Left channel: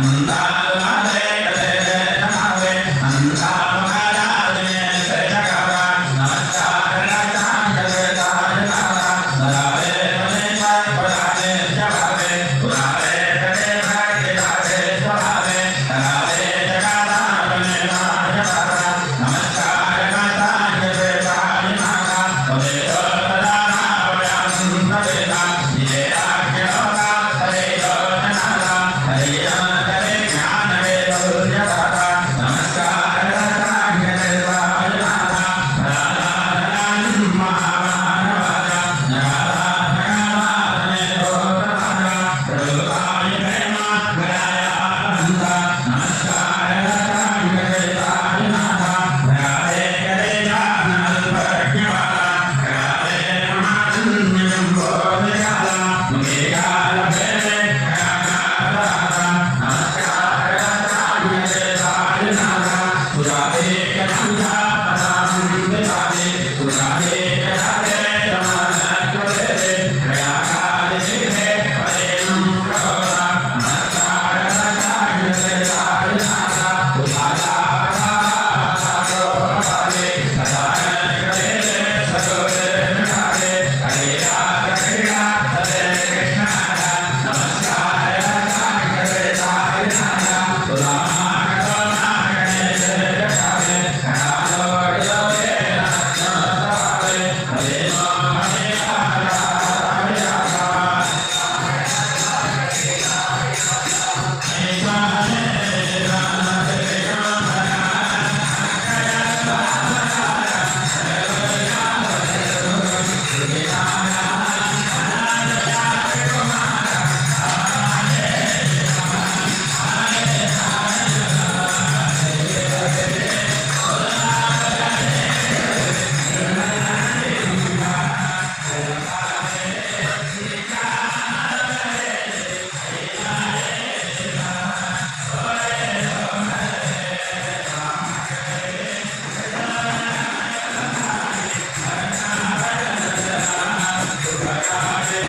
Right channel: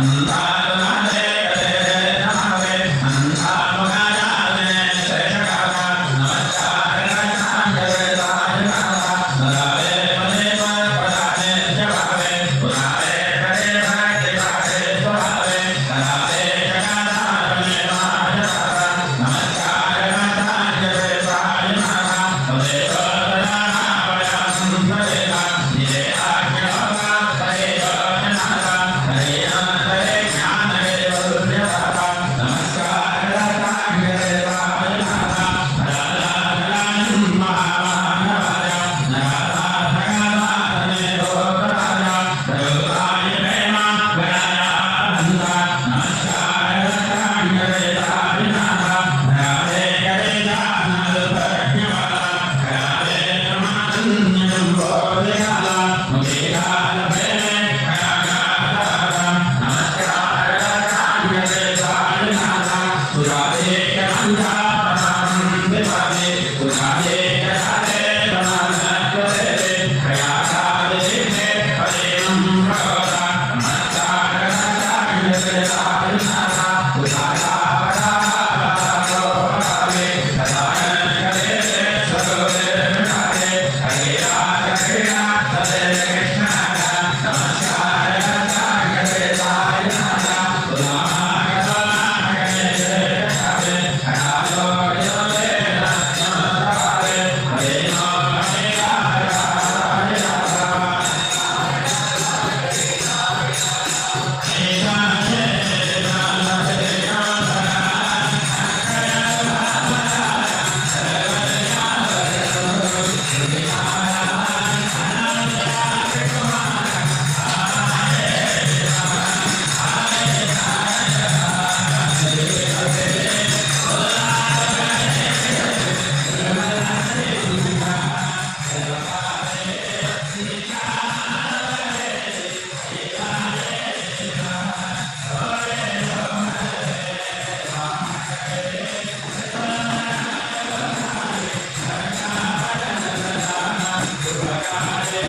and Yes. Yeah.